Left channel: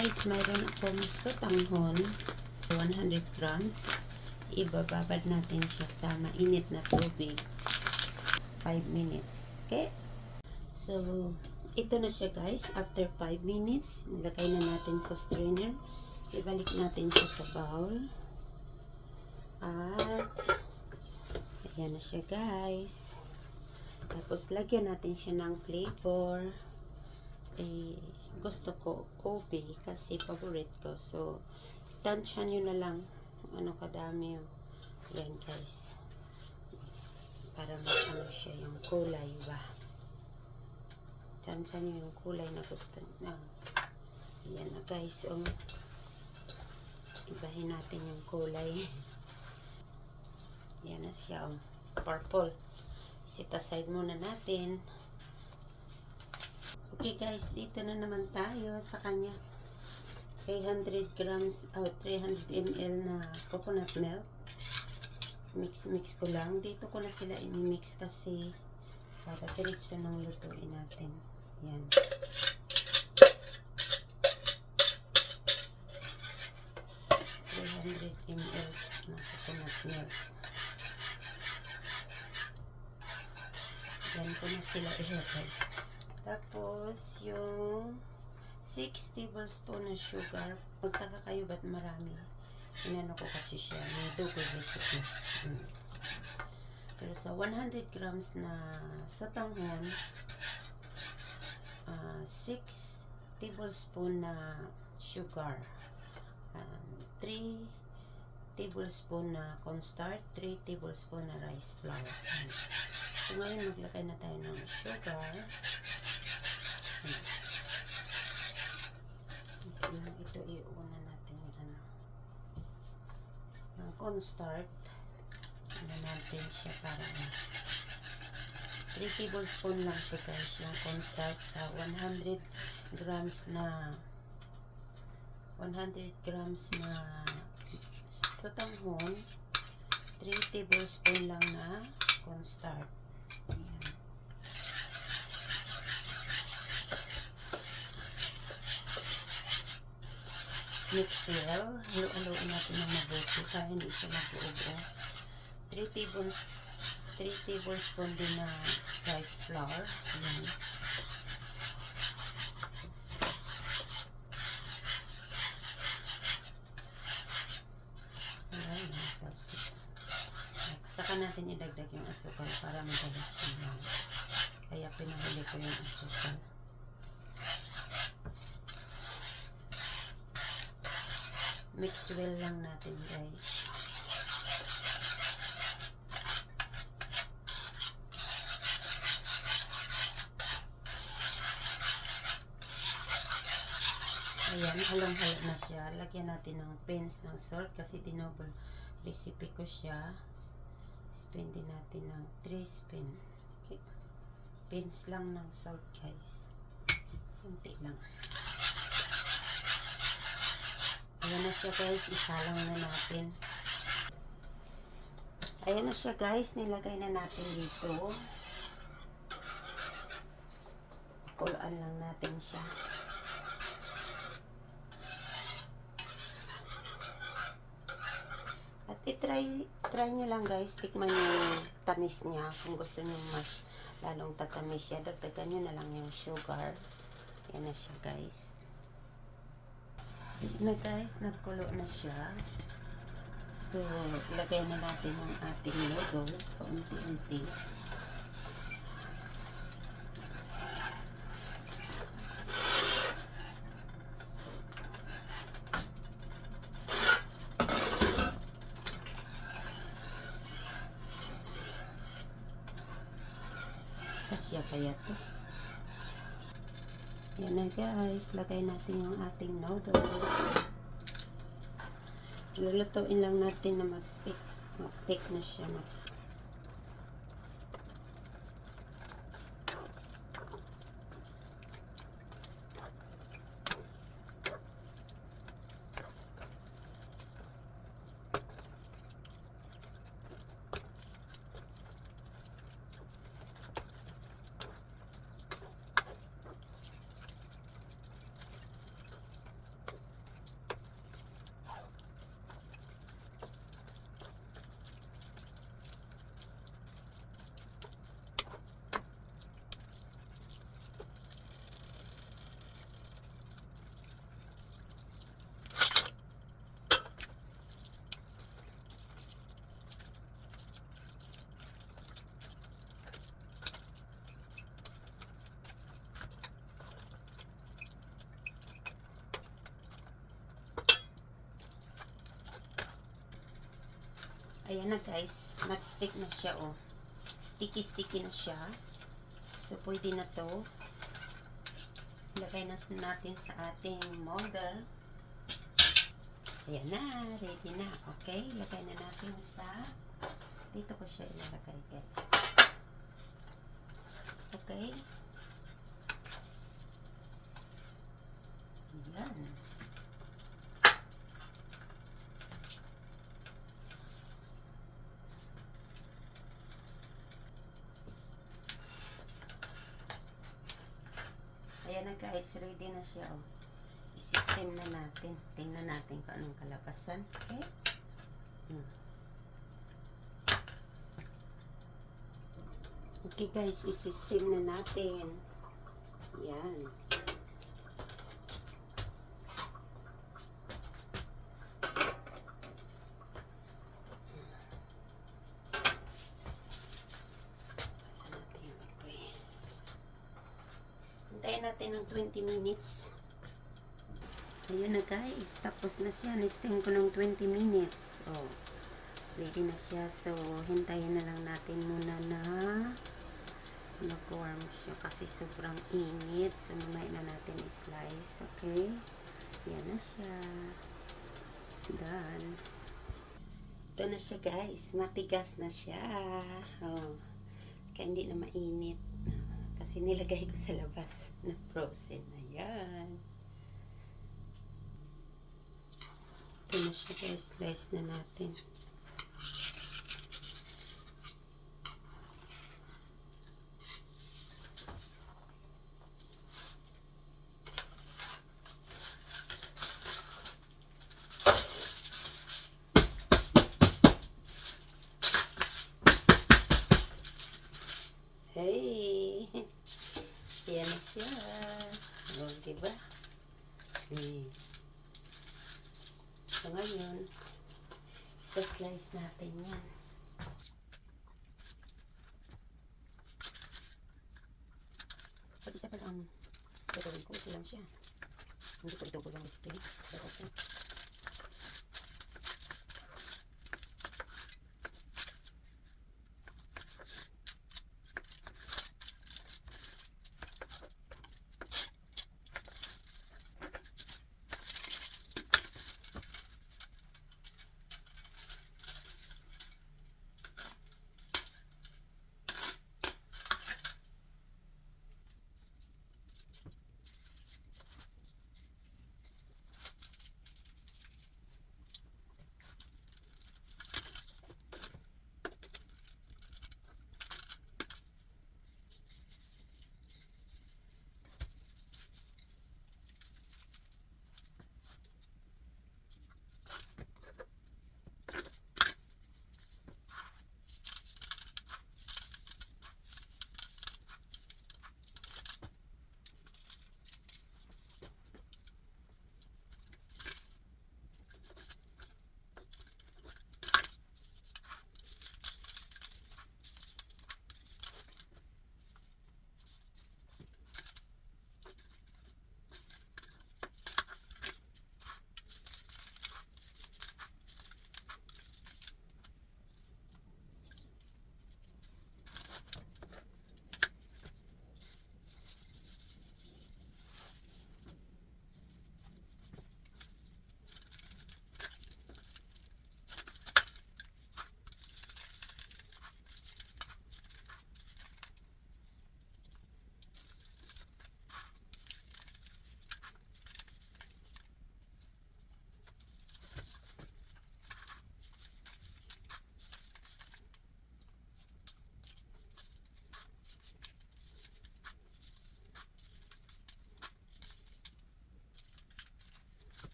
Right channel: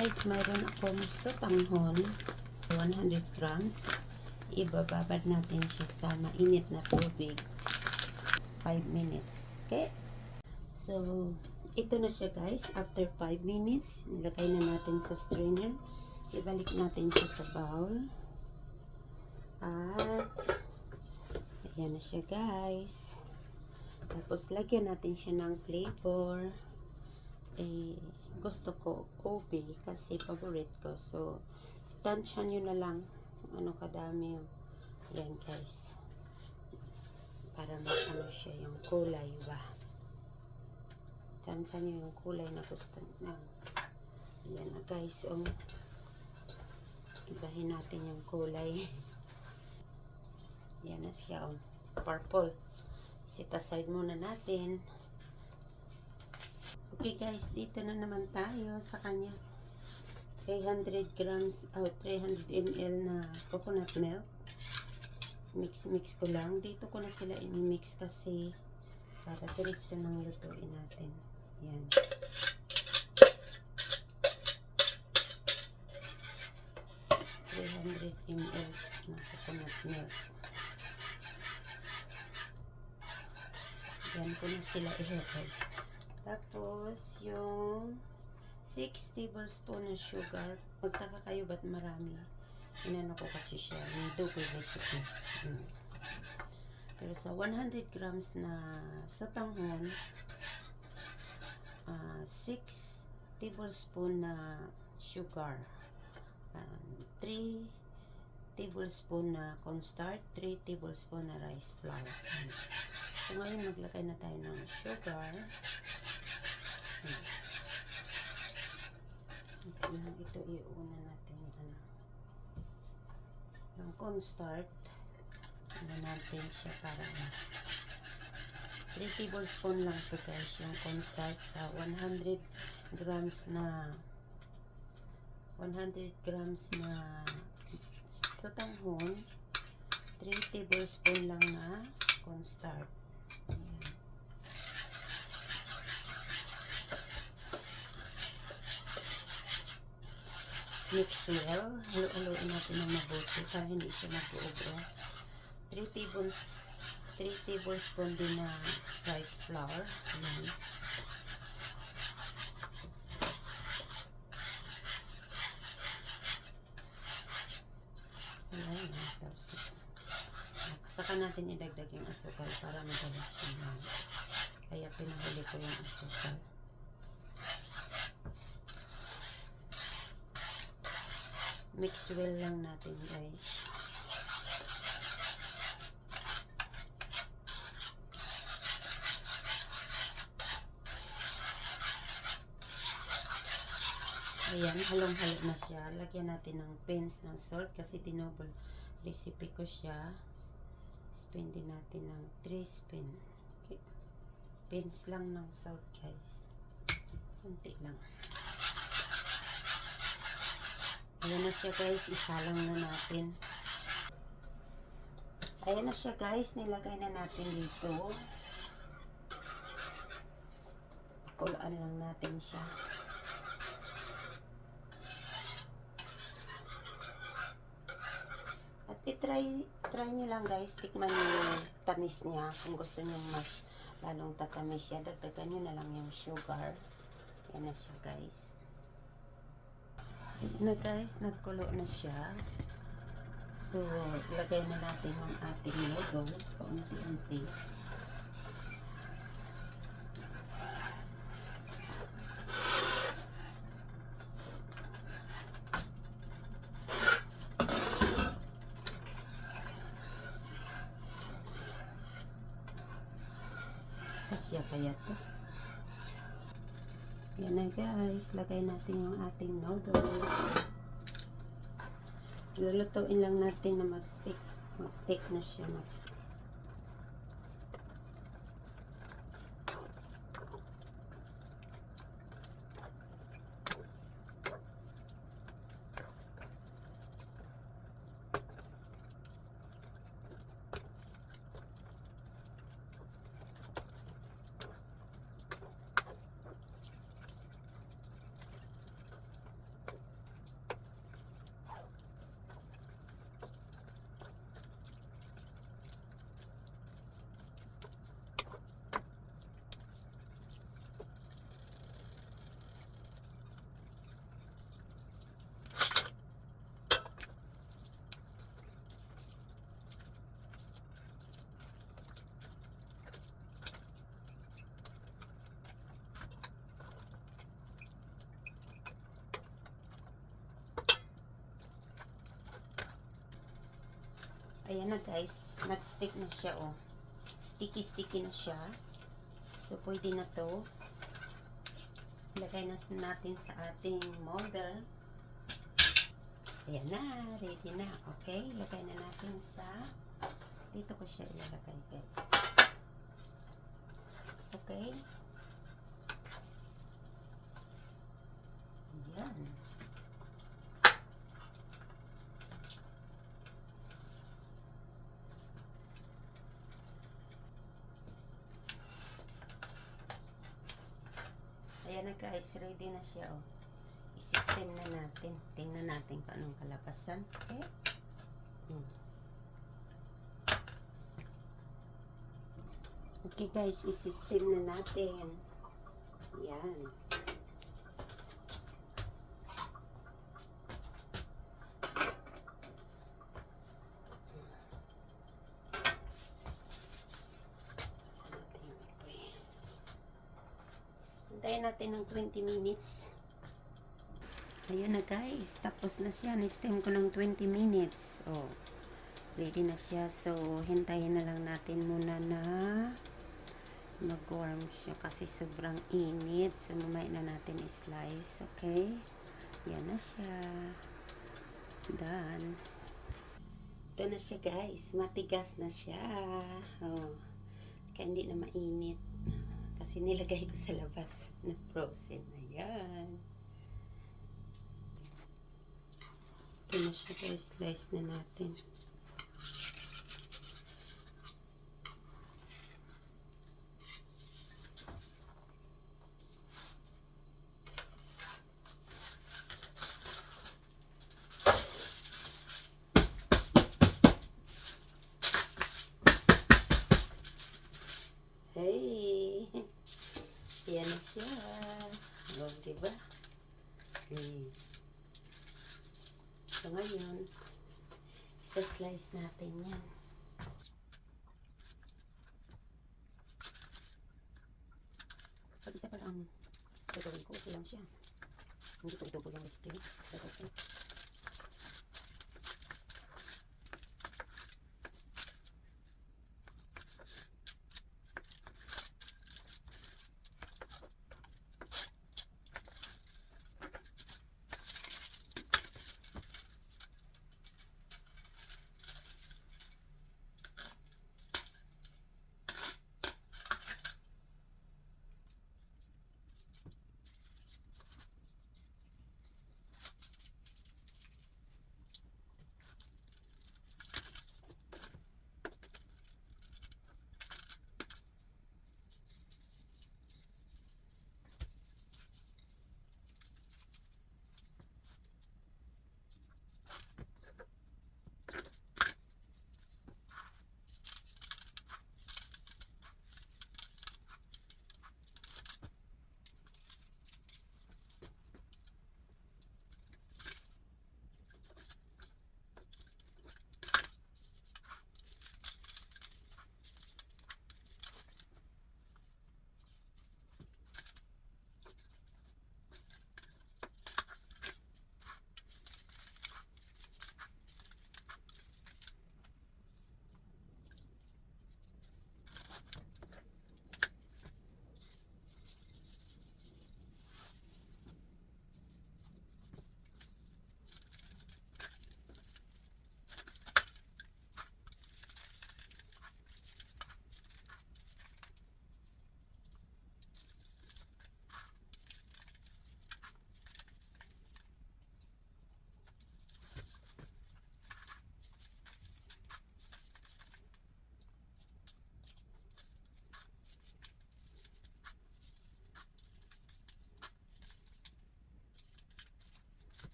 guys, mayroon akong sotanghon, 100 grams. Ibababad natin siya sa mainit na tubig, 5 minutes. Okay? So, ito na siya guys. After 5 minutes, nilagay na natin sa strainer. Ibalik natin siya sa bowl. At, ayan na siya guys. Tapos, lagyan natin siya ng flavor. Gusto ko ube kasi favorite ko. So, tansya nyo na lang ano kadami yung yan guys. Para ano siya yung kulay ba. Tansya nyo yung kulay na gusto nyo. Yan na guys. Ibahin natin yung kulay. Yan na siya. Purple. Set aside muna natin. Okay guys, dito na naman tayo sa kanya 300 grams o 300 ml na coconut milk. Mix ko lang. Dito ko na sila i-mix kasi para diretso nang lutuin natin. Yan. ml na coconut milk. Yan ko na sila ilagay. Tapos, yung 6 tablespoon na sugar. Magtaka kayo ba't marami? Inano ko kasi siya. May double recipe. Pero sa 100 grams na sotanghon, 6 tablespoon na sugar. 3 tablespoon na cornstarch, 3 tablespoon na rice flour. So, ngayon maglagay na tayo ng sugar. Ito iuna natin yung cornstarch. Ano natin siya para 3 tablespoon lang ito guys yung cornstarch sa 100 grams na sotanghon. 3 tablespoon lang na cornstarch. Mix well. Halo-haloin natin ng mabuti para hindi siya mag-uubra. 3 tablespoon din na rice flour. Ayan. Ayan. Saka natin idagdag yung asukal para madalas siya. Kaya pinahuli ko yung asukal. Mix well lang natin guys. Ayan, halong-halo na siya. Lagyan natin ng pins ng salt kasi dinouble recipe ko siya. Spin din natin ng 3 spin. Okay. Pins lang ng salt guys. Kunti lang. Ayan na siya guys, isalang na natin. Ayan na siya guys, nilagay na natin dito. Kulaan lang natin siya. At try nyo lang guys, tikman yung tamis niya. Kung gusto nyo mas lalong tatamis siya, dagdagan nyo na lang yung sugar. Ayan na siya guys. Na guys, nagkulo na siya. So, lagay na natin ang ating noodles paunti-unti. Kasya kaya to. Yan na guys, lagay natin yung ating noodles. Lulutuin lang natin na mag-stick na siya. Ayan na guys, nag-stick na siya oh. Sticky na siya. So pwede na to. Lagay na natin sa ating molder. Ayan na, ready na. Okay, lagay na natin sa, dito ko siya ilalagay guys. Okay. Ayan. Ayan na guys, ready na siya oh. I-system na natin. Tingnan natin kung anong kalabasan. Okay? Okay guys, i-system na natin. Ayan. Saan natin yung apoy? Hintayin natin ng 20 minutes. Ayun na guys, tapos na siya. Na-steam ko ng 20 minutes. Oh, ready na siya. So, hintayin na lang natin muna na mag-warm siya kasi sobrang init. So, mamaya na natin i-slice. Okay? Yan na siya. Done. Ito na siya guys. Matigas na siya. Oh, kaya hindi na mainit. Kasi nilagay ko sa labas na frozen. Ayan. Ito na siya guys, slice na natin. Hey! Yan na siya. O, diba? So, ngayon, isa-slice natin yan. Pag isa pa lang gagawin ko, okay lang siya. Hindi ko ito lang recipe.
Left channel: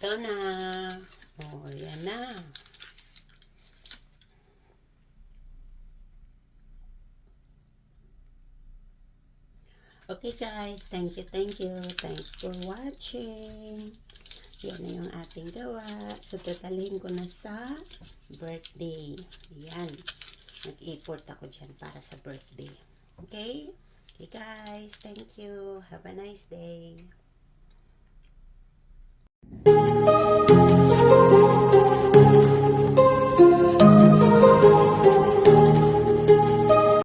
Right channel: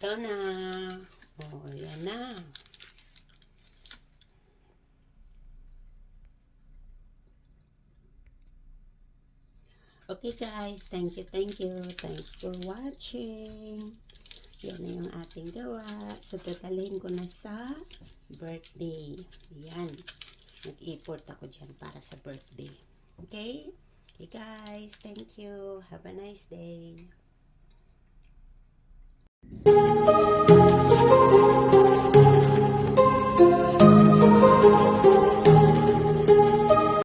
Ito na. Oh, yan na. Okay guys, thank you. Thanks for watching. Yan na yung ating gawa. So, tatalhin ko na sa birthday. Yan. Nag-import ako dyan para sa birthday. Okay? Okay guys, thank you. Have a nice day.